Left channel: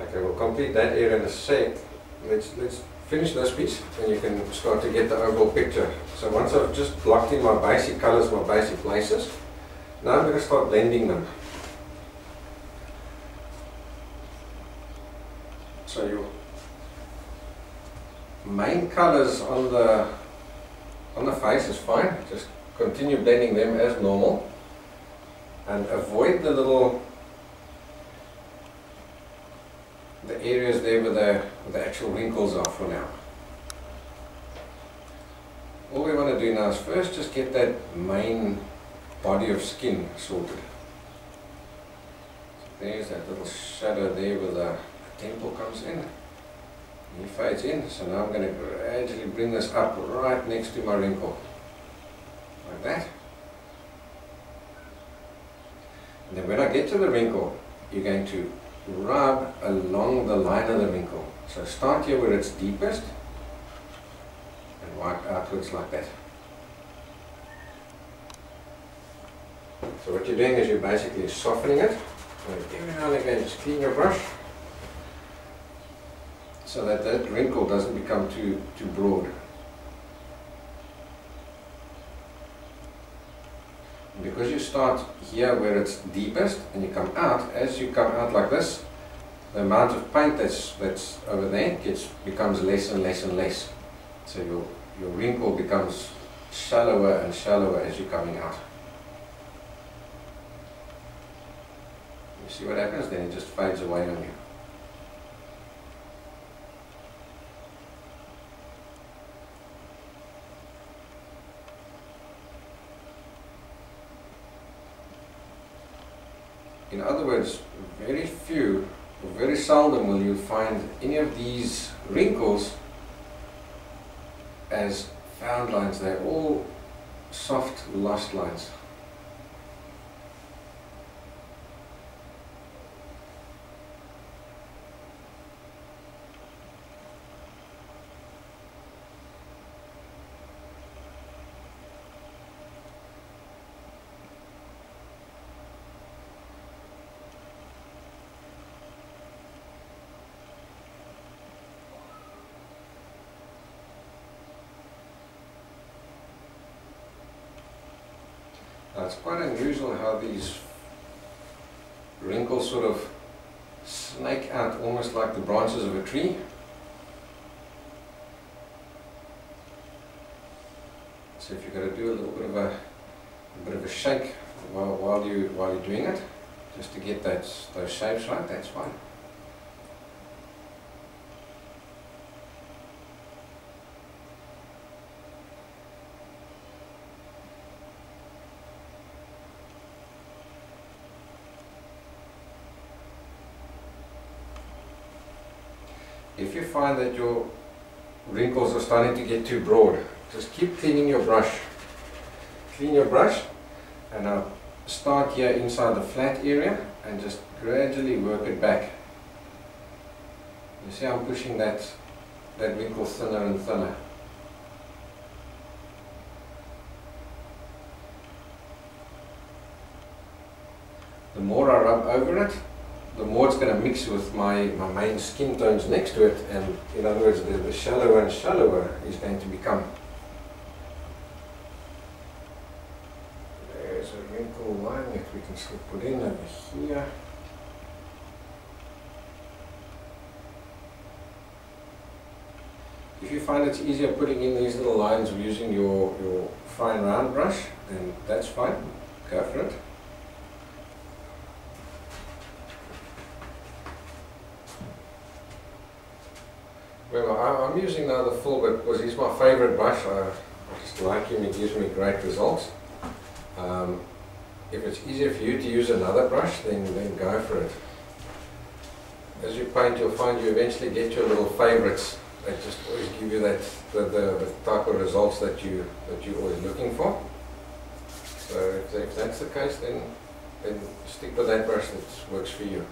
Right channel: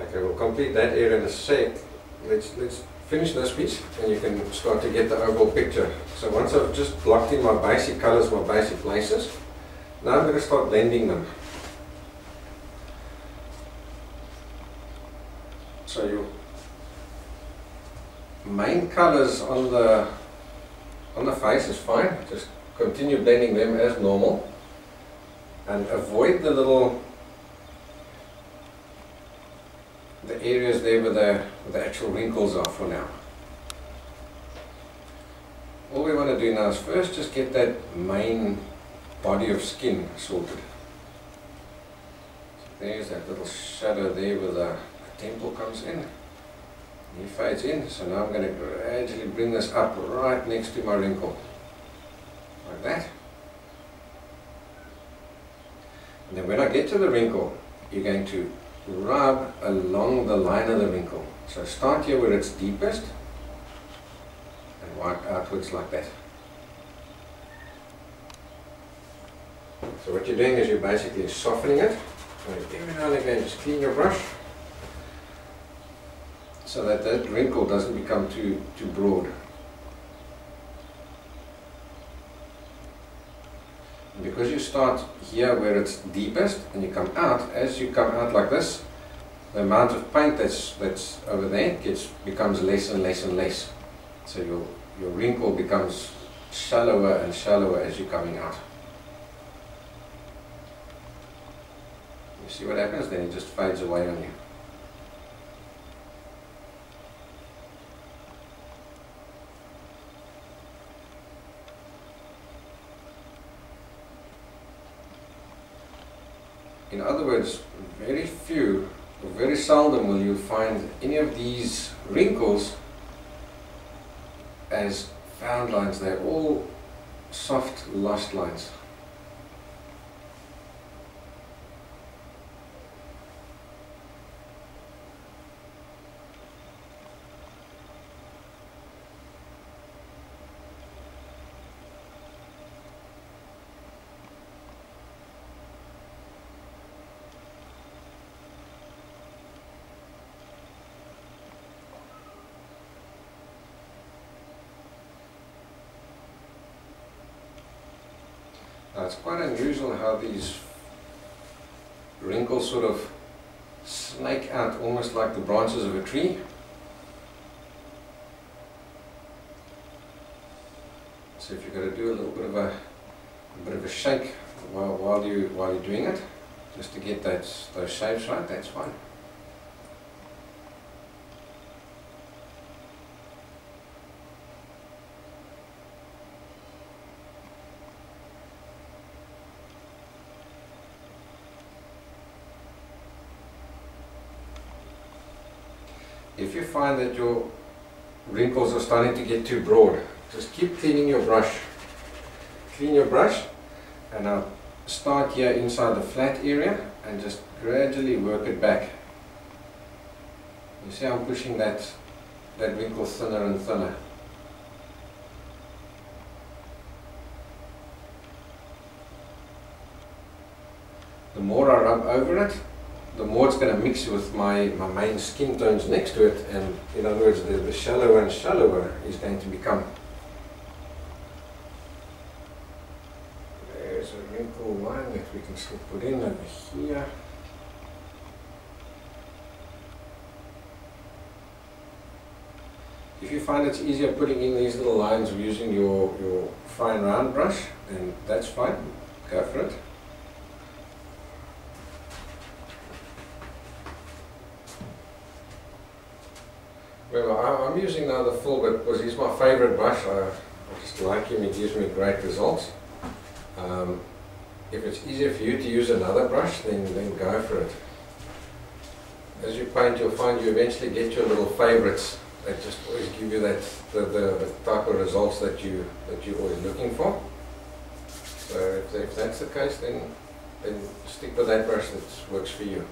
Okay, we'll complete that area in a sec. Let's finish this piece and you can start to get the overall picture. So once I've just blocked in my basic colors, my basic places, now I'm going to start blending them. So your main colors on the face is fine, just continue blending them as normal and avoid the areas there where the actual wrinkles are for now. All we want to do now is first just get that main body of skin sorted. So there's that little shadow there where the temple comes in. He fades in, so now I'm going to gradually bring this up right next to my wrinkle, like that. And then when I get to the wrinkle, you're going to rub along the line of the wrinkle. So start here where it's deepest and work outwards like that. So what you're doing is you're basically softening it. So every now and again just clean your brush so that that wrinkle doesn't become too broad. And because you start here where it's deepest and you come out, as you come out like this, the amount of paint that's over there becomes less and less and less. So your wrinkle becomes shallower and shallower as you're coming out. You see what happens? Then it just fades away on you. In other words, very few or very seldom will you find any of these wrinkles as found lines. They're all soft, lost lines. Now it's quite unusual how these wrinkles sort of snake out almost like the branches of a tree. So if you've got to do a little bit of a shake while you're doing it, just to get those shapes right, that's fine. If you find that your wrinkles are starting to get too broad, just keep cleaning your brush. Clean your brush and now start here inside the flat area and just gradually work it back. You see I'm pushing that wrinkle thinner and thinner. The more I rub over it, the more it's going to mix with my main skin tones next to it, and in other words the shallower and shallower is going to become. There's a wrinkle line that we can still put in over here. If you find it's easier putting in these little lines using your fine round brush, then that's fine, go for it. Remember, I'm using now the full bit because he's my favorite brush. I just like him, he gives me great results. If it's easier for you to use another brush, then go for it. As you paint, you'll find you eventually get your little favorites that just always give you that the type of results that you're always looking for. So if that's the case, then stick with that brush that works for you.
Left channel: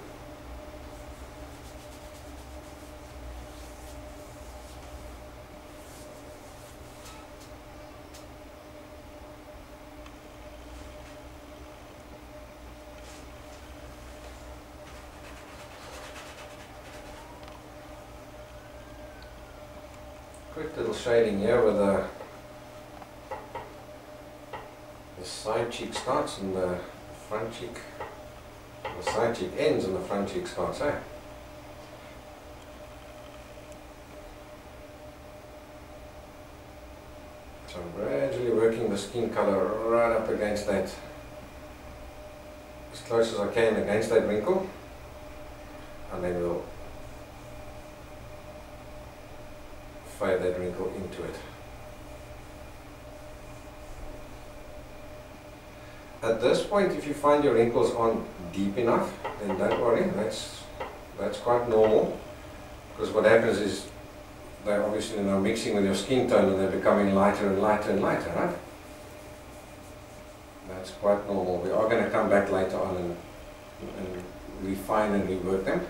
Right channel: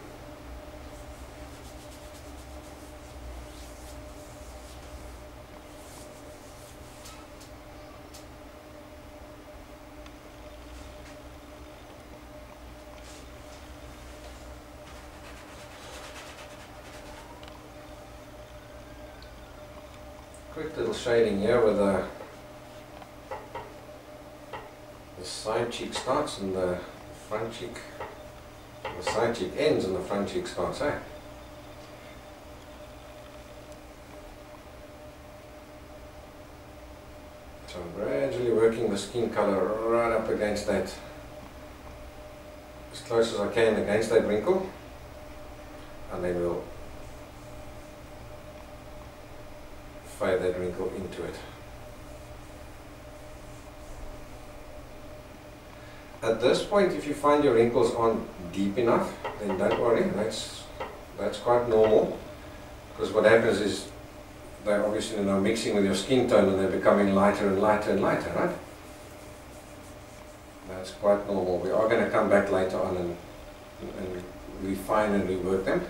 quick little shading here where the side cheek starts and the front cheek, the side cheek ends and the front cheek starts, eh? So I'm gradually working the skin color right up against that, as close as I can against that wrinkle, and then we'll fade that wrinkle into it. At this point, if you find your wrinkles aren't deep enough, then don't worry, that's quite normal, because what happens is they're obviously now mixing with your skin tone and they're becoming lighter and lighter and lighter, right? That's quite normal. We are going to come back later on and refine and rework them.